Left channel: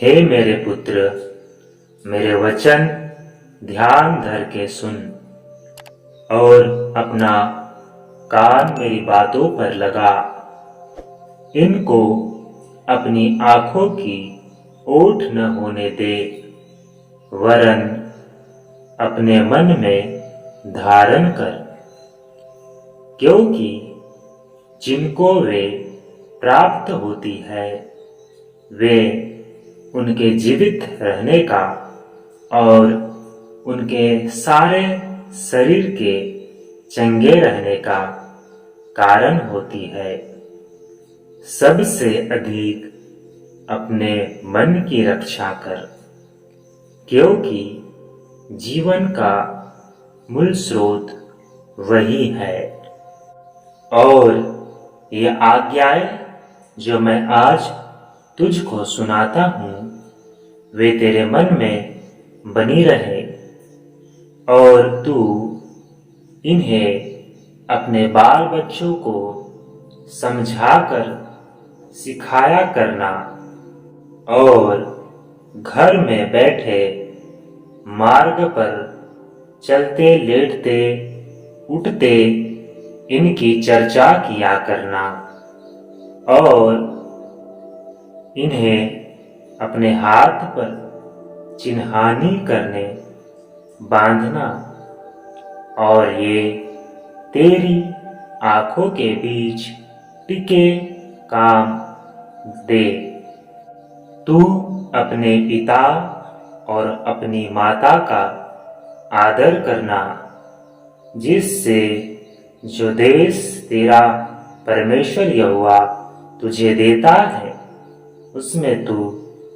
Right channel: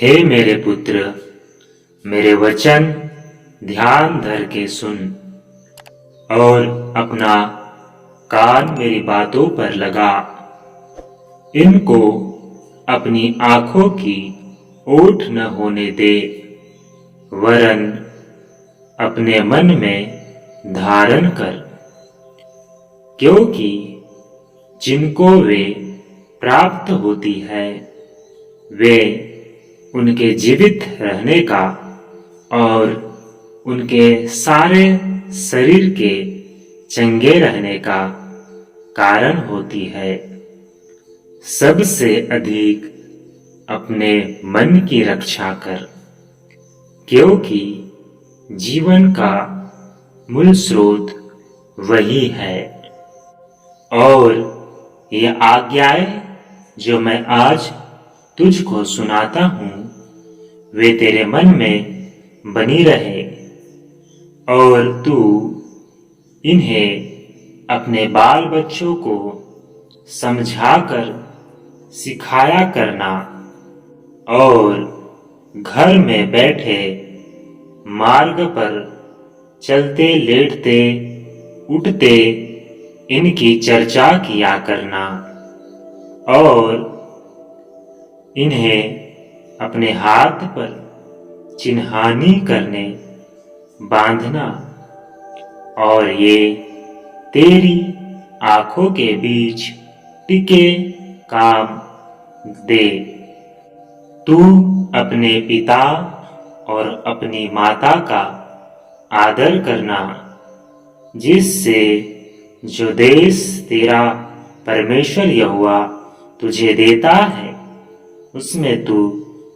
हे मेरे पुत्र, मेरे वचन ध्यान धर के सुन और अपना कान मेरी बातों पर लगा। इनको अपनी आंखों की ओट न होने दे, वरन अपने मन में धारण कर, क्योंकि जिनको वे प्राप्त होती है वे उनके जीवित रहने का और उनके सारे शरीर के चंगे रहने का कारण होती है। सबसे अधिक अपने मन की रक्षा कर, क्योंकि जीवन का मूल स्रोत वही है। और ये आज्ञाएं जो मैं आज तुझको सुनाता हूँ वे तेरे मन में बनी रहे और तू इन्हें अपने बाल बच्चों को समझाकर सिखाया करना और घर में बैठे मार्ग पर चलते लेटते उठते इनकी चर्चा किया करना और इन्हें अपने हाथ पर चिन्हानी करने बांधना और ये तेरी आंखों के बीच टिके काम दे। तू अपने पिता और अपनी माता का आदर करना, जिससे जो देश तेरा परमेश्वर यहोवा तुझे देता है उसमें तू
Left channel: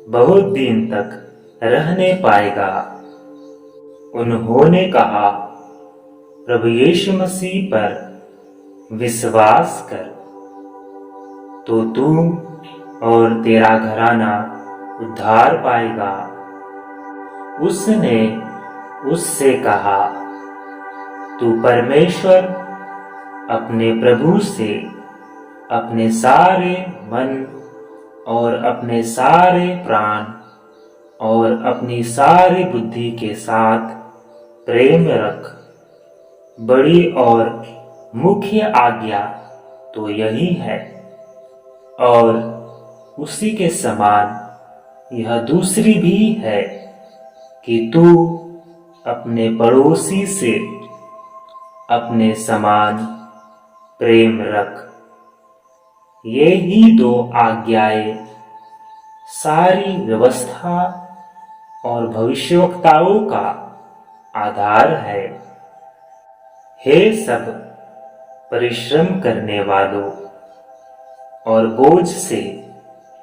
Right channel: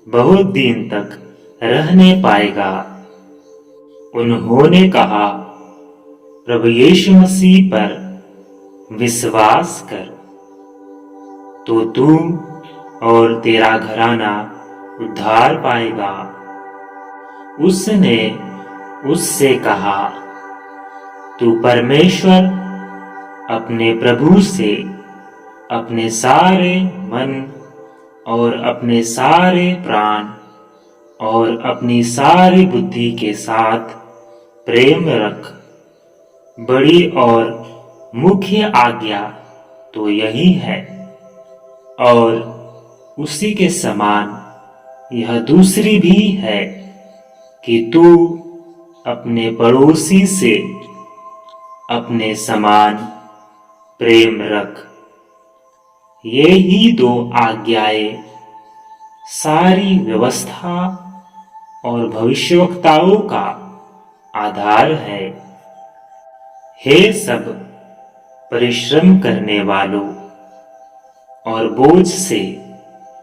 बहुत दिन तक रहने पाएगा। उन्होंने कहा, प्रभु यीशु मसीह पर विश्वास कर तो तू और तेरा घराना उद्धार पाएगा। उसने उससे कहा, तू परमेश्वर अपने प्रभु से अपने सारे मन और अपने सारे प्राण और अपनी सारी बुद्धि के साथ प्रेम रख। बड़ी और मुख्य आज्ञा तो यही है, और उसी के समान यह दूसरी भी है कि तू अपने पड़ोसी से अपने समान प्रेम रख। ये ही दो आज्ञाएं सारी व्यवस्था और भविष्यवक्ताओं का आधार है। हे सब परिश्रम करने वालों और बोझ से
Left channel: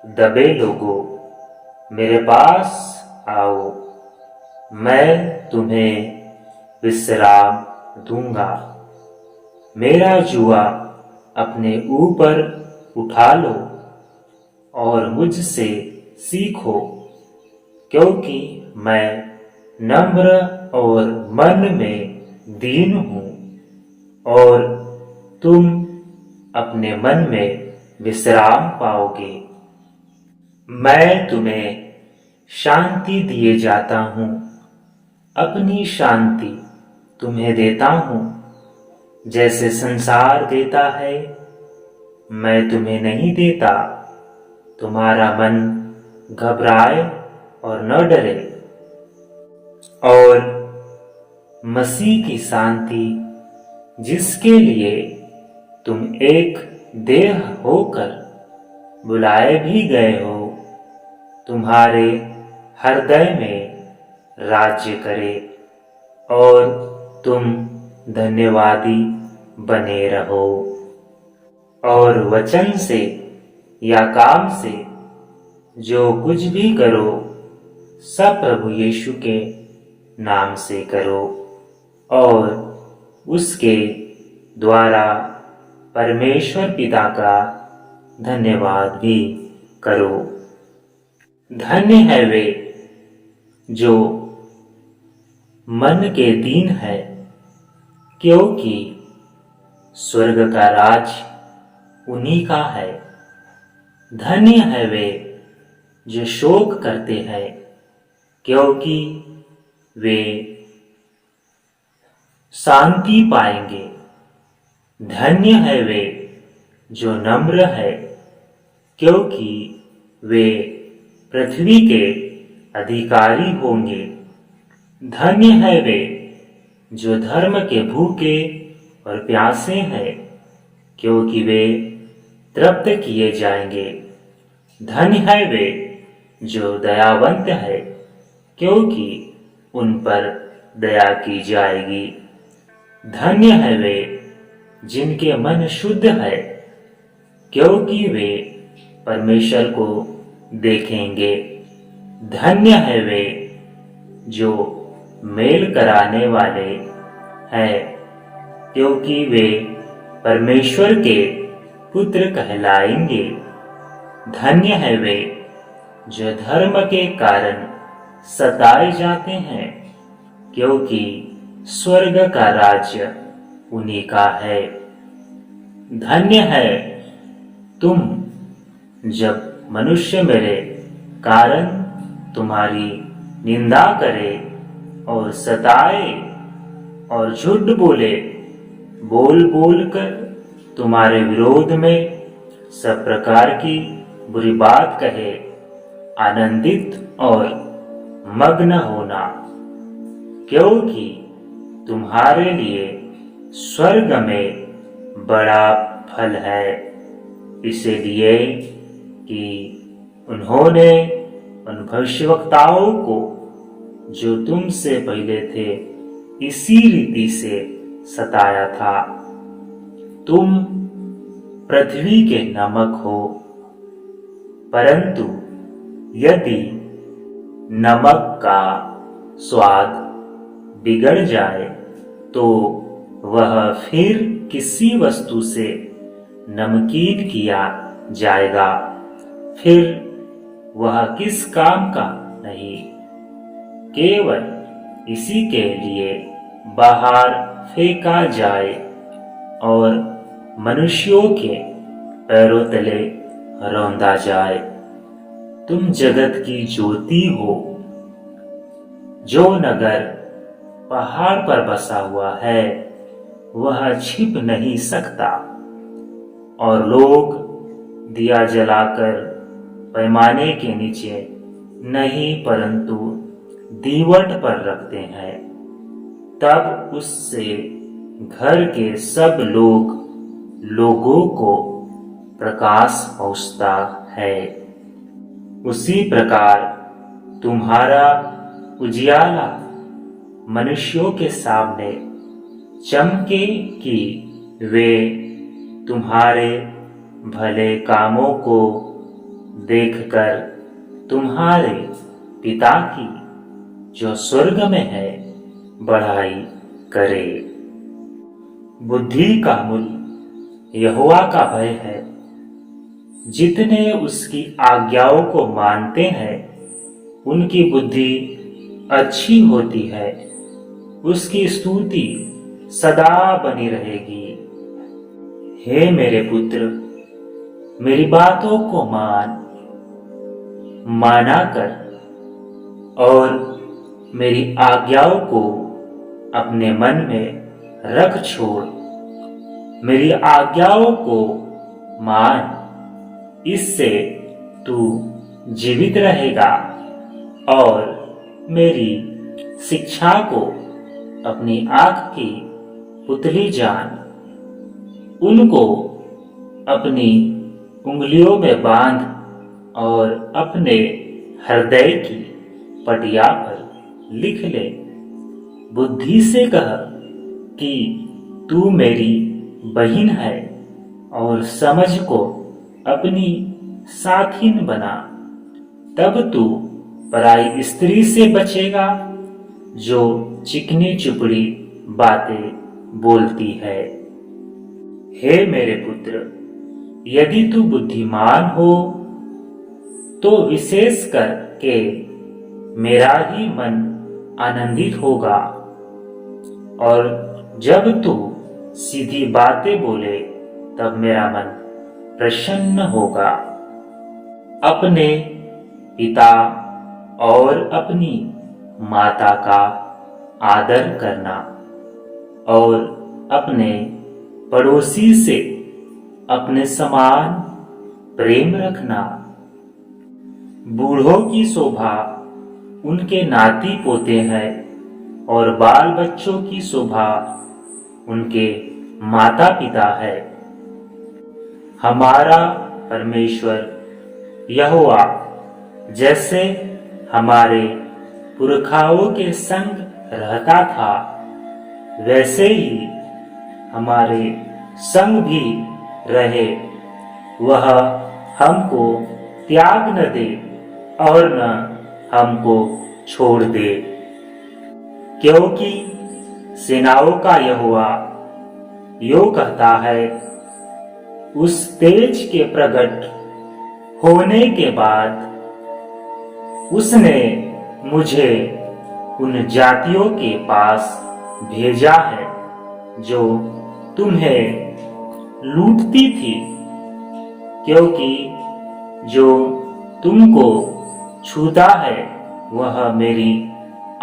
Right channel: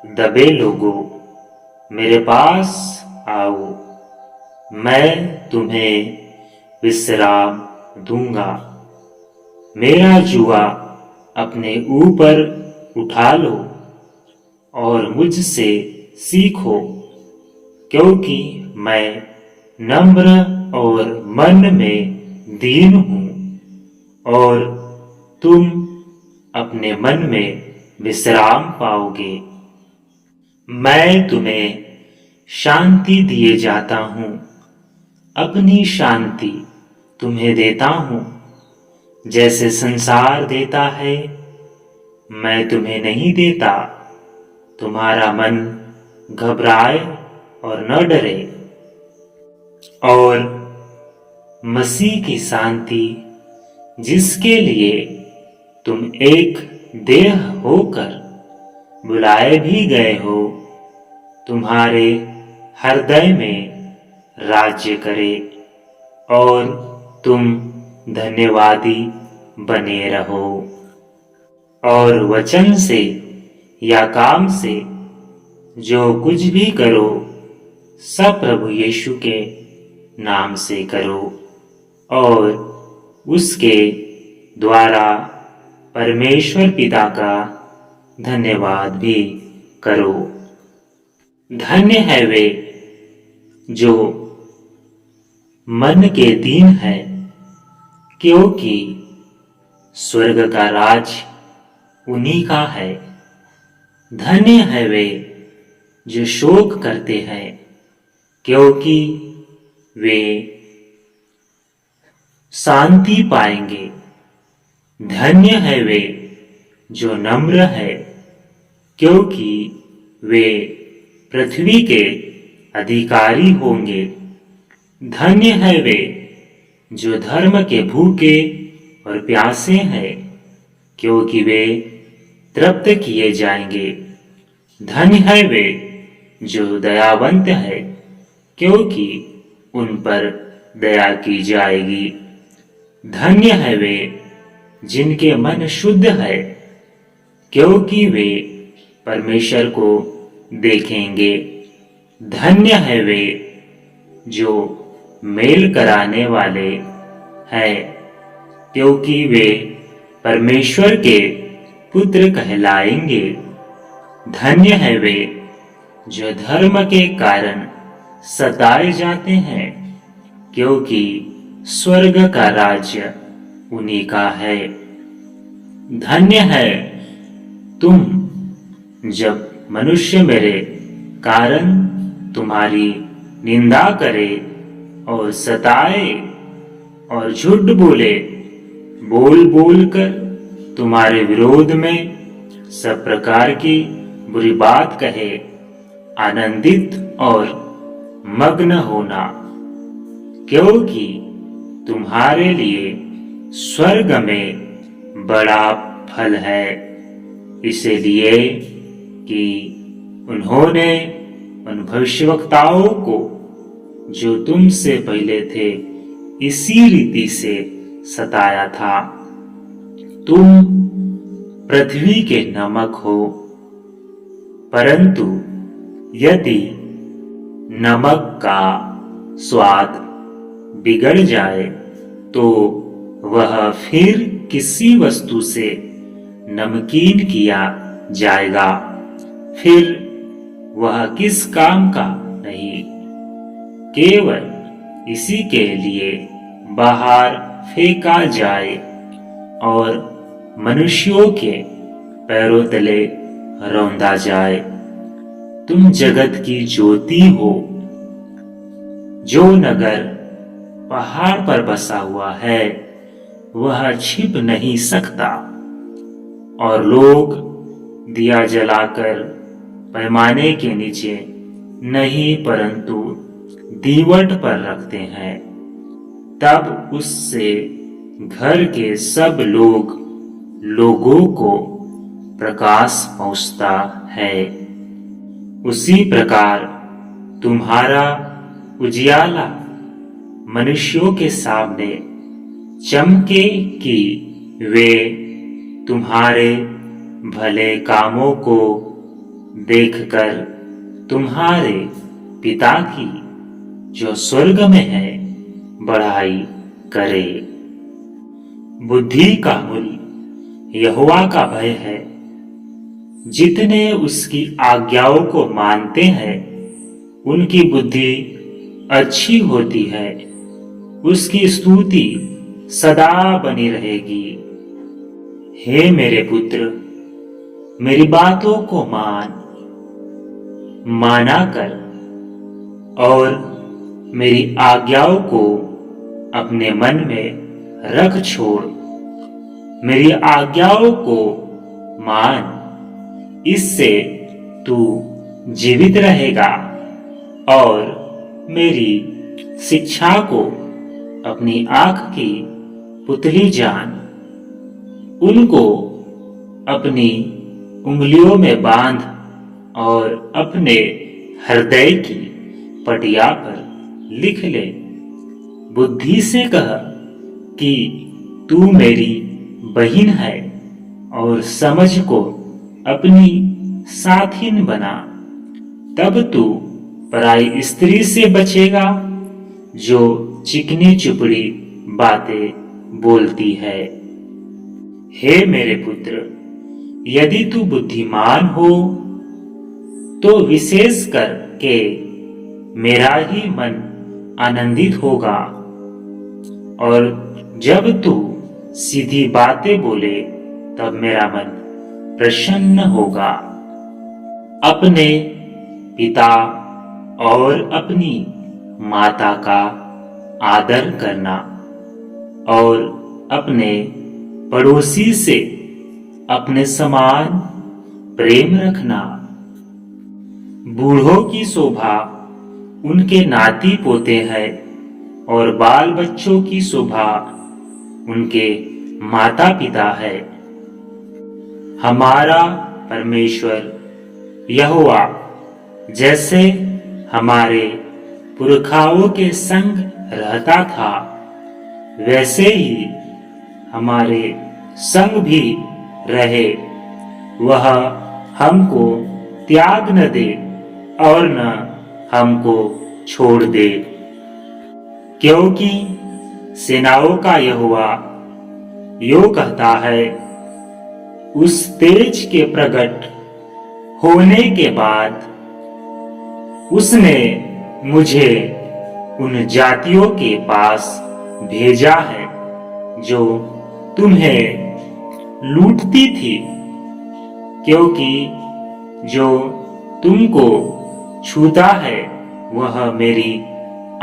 दबे लोगों, मेरे पास आओ, मैं तुम्हें विश्राम दूंगा। मेरा जुआ अपने ऊपर उठा लो और मुझसे सीखो, क्योंकि मैं नम्र और मन में दीन हूँ, और तुम अपने मन में विश्राम पाओगे। मैं तुम्हें शांति दिए जाता हूँ, अपनी शांति तुम्हें देता हूँ। जैसे संसार देता है मैं तुम्हें नहीं देता। तुम्हारा मन घबराए और न डरे, और मसीह की शांति जिसके लिए तुम एक देह होकर बुलाए भी गए हो, तुम्हारे हृदय में राज्य करे और तुम धन्यवादी बने रहो। और वचन से या काम से जो कुछ भी करो सब प्रभु यीशु के नाम से करो, और उसके द्वारा परमेश्वर पिता का धन्यवाद भी करो। धन्य है वे जो मन के दीन है, क्योंकि स्वर्ग का राज उन्हीं का है। धन्य है वे जो शोक करते हैं, क्योंकि वे शांति पाएंगे। धन्य है वे जो नम्र है, क्योंकि वे पृथ्वी के अधिकारी होंगे। धन्य है वे जो धर्म के भूखे और प्यासे हैं, क्योंकि वे तृप्त किए जाएंगे। धन्य है वे जो दयावंत है, क्योंकि उन पर दया की जाएगी। धन्य है वे जिनके मन शुद्ध है, क्योंकि वे परमेश्वर को देखेंगे। धन्य है वे जो मेल कराने वाले हैं, क्योंकि वे परमेश्वर के पुत्र कहलाएंगे। धन्य है वे जो धर्म के कारण सताए जाते हैं, क्योंकि स्वर्ग का राज्य उन्हीं का है। धन्य है तुम जब मनुष्य मेरे कारण तुम्हारी निंदा करे और सताए और झूठ बोले, बोल बोल कर तुम्हारे विरोध में सब प्रकार की बुरी बात कहे। आनंदित और मग्न होना, क्योंकि तुम्हारे लिए स्वर्ग में बड़ा फल है। इसलिए कि उन्होंने उन भविष्यवक्ताओं को जो तुमसे पहले थे इसी रीति से सताया था। तुम पृथ्वी के नमक हो, परंतु यदि नमक का स्वाद बिगड़ जाए तो वह फिर किसी वस्तु से नमकीन किया जाएगा, फिर वह किस काम का नहीं, केवल इसी के लिए बाहर फेंका जाए और मनुष्यों के पैरों तले रौंदा जाए। तुम जगत की ज्योति हो। जो नगर पहाड़ पर बसा हुआ है वह छिप नहीं सकता, और लोग दिया जलाकर पैमाने के नीचे नहीं परंतु दीवट पर रखते हैं, तब उससे घर के सब लोगों को प्रकाश पहुंचता है। उसी प्रकार तुम्हारा उजियाला मनुष्यों के सामने चमके कि वे तुम्हारे भले कामों को देखकर तुम्हारे पिता की जो स्वर्ग में है बढ़ाई करे। बुद्धि का मूल यहोवा का भय है। जितने उसकी आज्ञाओं को मानते हैं उनकी बुद्धि अच्छी होती है, उसकी स्तुति सदा बनी रहेगी। हे मेरे पुत्र, मेरी बातों को माना कर और मेरी आज्ञाओं को अपने मन में रख छोड़। मेरी आज्ञाओं को मान, इससे तू जीवित रहेगा, और मेरी शिक्षा को अपनी आंख की पुतली जान। उनको अपनी उंगलियों में बांध और अपने हृदय की पटिया पर लिख ले। बुद्धि से कह कि तू मेरी बहिन है, और समझ को अपनी साथिन बना। तब तू पराई स्त्री से बचेगा जो चिकनी चुपड़ी बातें बोलती है। हे मेरे पुत्र, यदि तू बुद्धिमान हो तो विशेष करके मेरा ही मन आनंदित होगा, और जब तू सीधी बातें बोले तब मेरा मन प्रसन्न होगा। अपने पिता और अपनी माता का आदर करना और अपने पड़ोसी से अपने समान प्रेम रखना। बूढ़ों की शोभा उनके नाती पोते हैं और बाल बच्चों की शोभा उनके माता पिता है। हमारा परमेश्वर यहोवा जैसे हमारे पुरखाओं के संग रहता था, वैसे ही हमारे संग भी रहे। वह हमको त्याग न दे और न हमको छोड़ दे, क्योंकि सेनाओं का यहोवा यो कहता है, उस तेज के प्रकट होने के बाद उसने मुझे उन जातियों के पास भेजा है जो तुम्हें लूटती थी, क्योंकि जो तुमको छूता है वह मेरी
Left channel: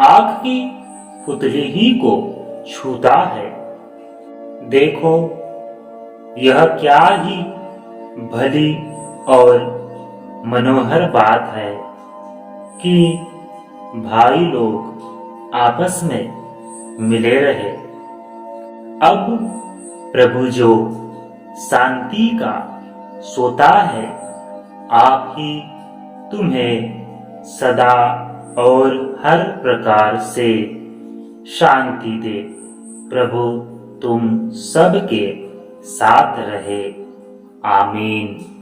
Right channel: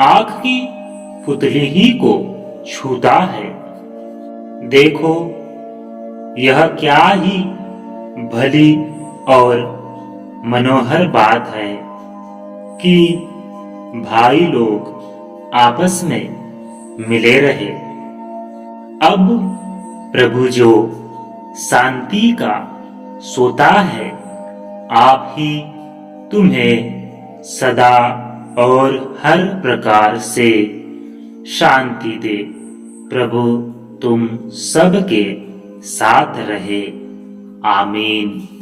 आंख की पुतली ही को छूता है। देखो, यह क्या ही भली और मनोहर बात है कि भाई लोग आपस में मिले रहे। अब प्रभु जो शांति का सोता है, आप ही तुम्हें सदा और हर प्रकार से शांति दे। प्रभु तुम सबके साथ रहे। आमीन।